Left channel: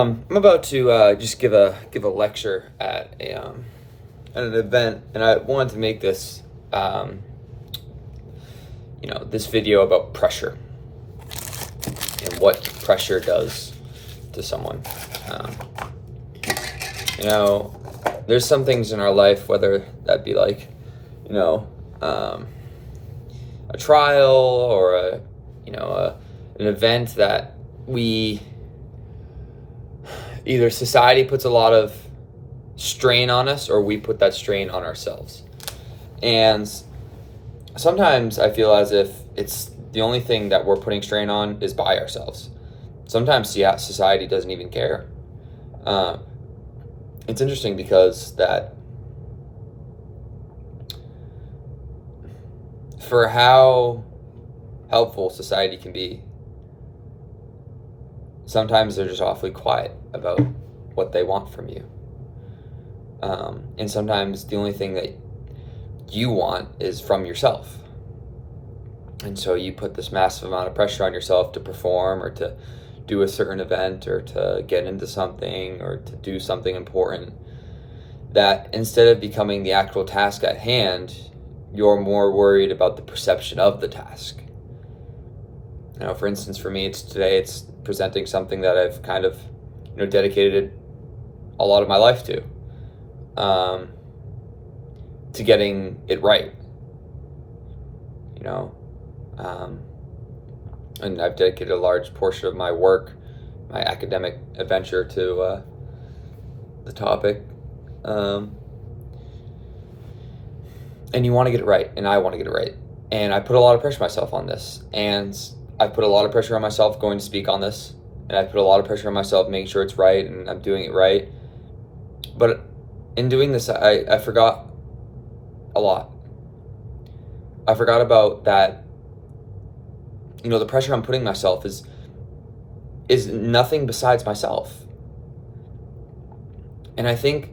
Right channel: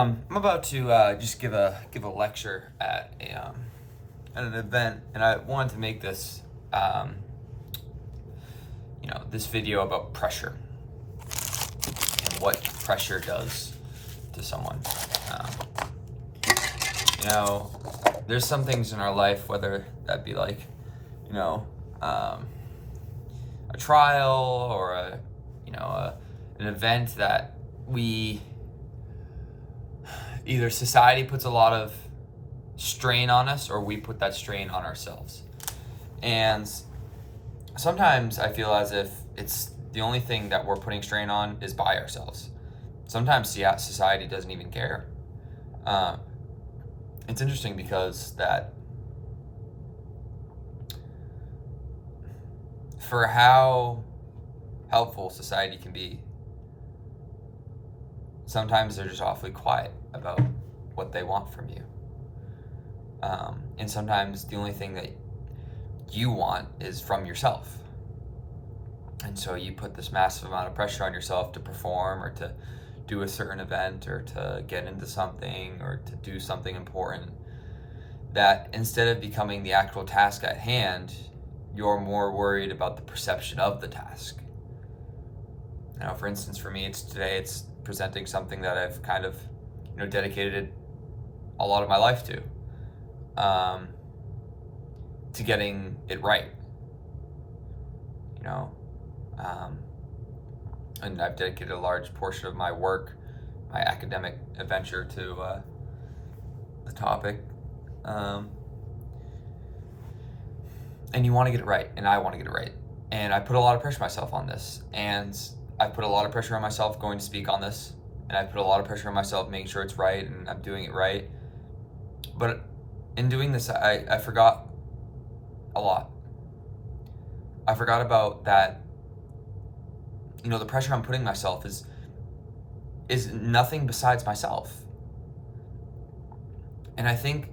I'm about to just give a lecture at an event, and I wanted to make this video about pressure and what pressure does to someone. Um, you know, there's some things in our life, whether that be like, you know, a trial or an event that we either society puts a lot of strain on us or we put that strain on ourselves. And sometimes I feel as if it's the only thing that we're putting strain on is by ourselves. Sometimes, yeah, society doesn't even care. It's interesting because that for how helpful society can be, sometimes they're just awfully quiet about what they want from you. And sometimes the only thing that you want is from yourself. And so you put this massive amount of pressure on yourself to perform or to do a certain event or to get into something or to do something important, that instead of becoming the actual task at hand, you're more worried about the perception of the task. For instance, for me, it's presenting something that I've kind of, dedicated a lot of my life to getting it right, and I've dedicated a large portion of my work, my academic adventure to the topic, and you want to get it right, and I want to get it right, and I put a lot of pressure on myself on this, and I put a lot of pressure on myself going to speak on this, and I put a lot of pressure on myself making sure it's right and I'm doing it right. But in doing this, I forgot a lot. I forgot about that. The pressure I'm putting myself is nothing besides myself. And I think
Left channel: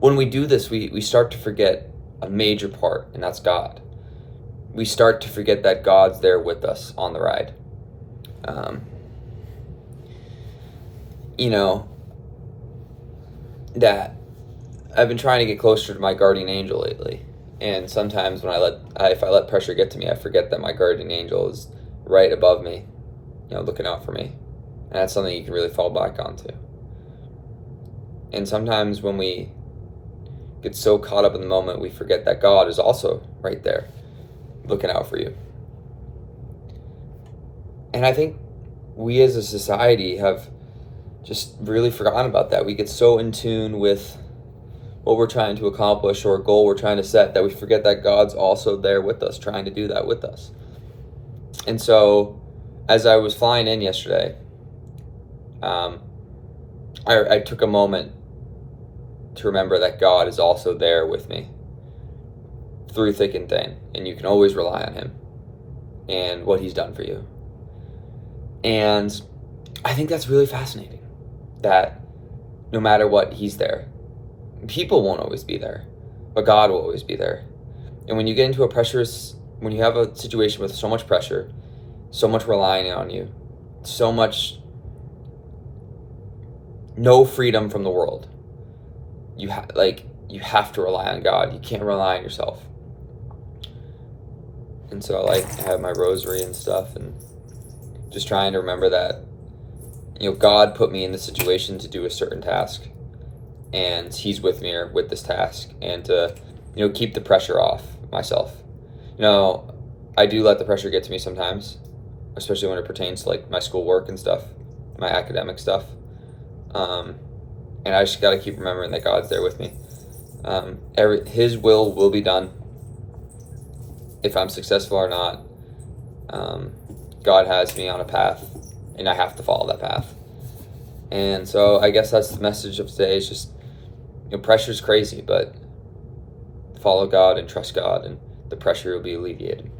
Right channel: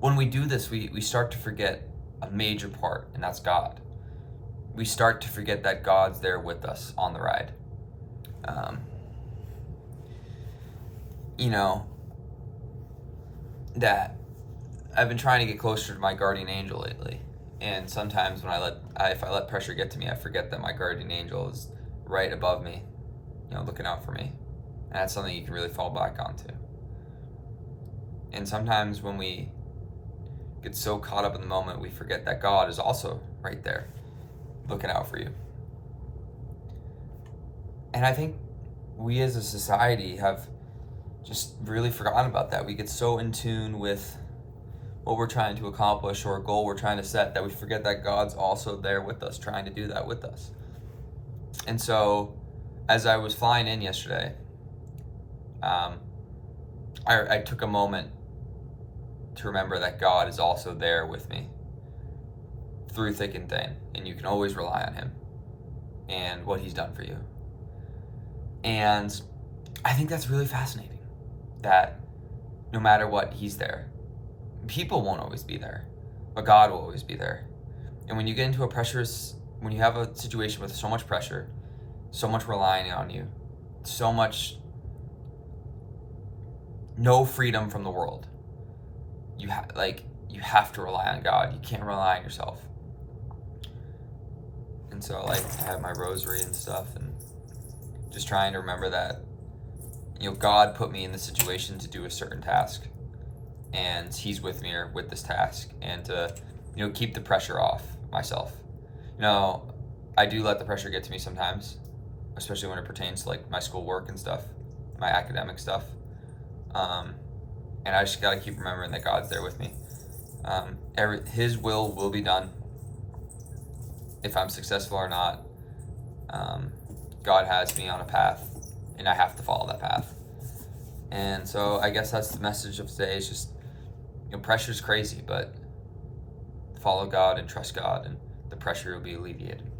when we do this, we start to forget a major part, and that's God. We start to forget that God's there with us on the ride. That I've been trying to get closer to my guardian angel lately. And sometimes when if I let pressure get to me, I forget that my guardian angel is right above me, looking out for me. And that's something you can really fall back onto. And sometimes when we get so caught up in the moment, we forget that God is also right there, looking out for you. And I think we as a society have just really forgotten about that. We get so in tune with what we're trying to accomplish or a goal we're trying to set that we forget that God's also there with us, trying to do that with us. And so as I was flying in yesterday, I took a moment to remember that God is also there with me through thick and thin, and you can always rely on him and what he's done for you. And I think that's really fascinating, that no matter what, he's there. People won't always be there, but God will always be there. And when you get into when you have a situation with so much pressure, so much relying on you, so much no freedom from the world, you have to rely on God. You can't rely on yourself. And so I have my rosary and stuff, and just trying to remember that, God put me in the situation to do a certain task, and he's with me with this task, and to, keep the pressure off myself. I do let the pressure get to me sometimes, especially when it pertains to my schoolwork and stuff, my academic stuff. And I just got to keep remembering that God's there with me. His will be done. If I'm successful or not, God has me on a path, and I have to follow that path. And so I guess that's the message of today. It's just, pressure's crazy, but follow God and trust God, and the pressure will be alleviated.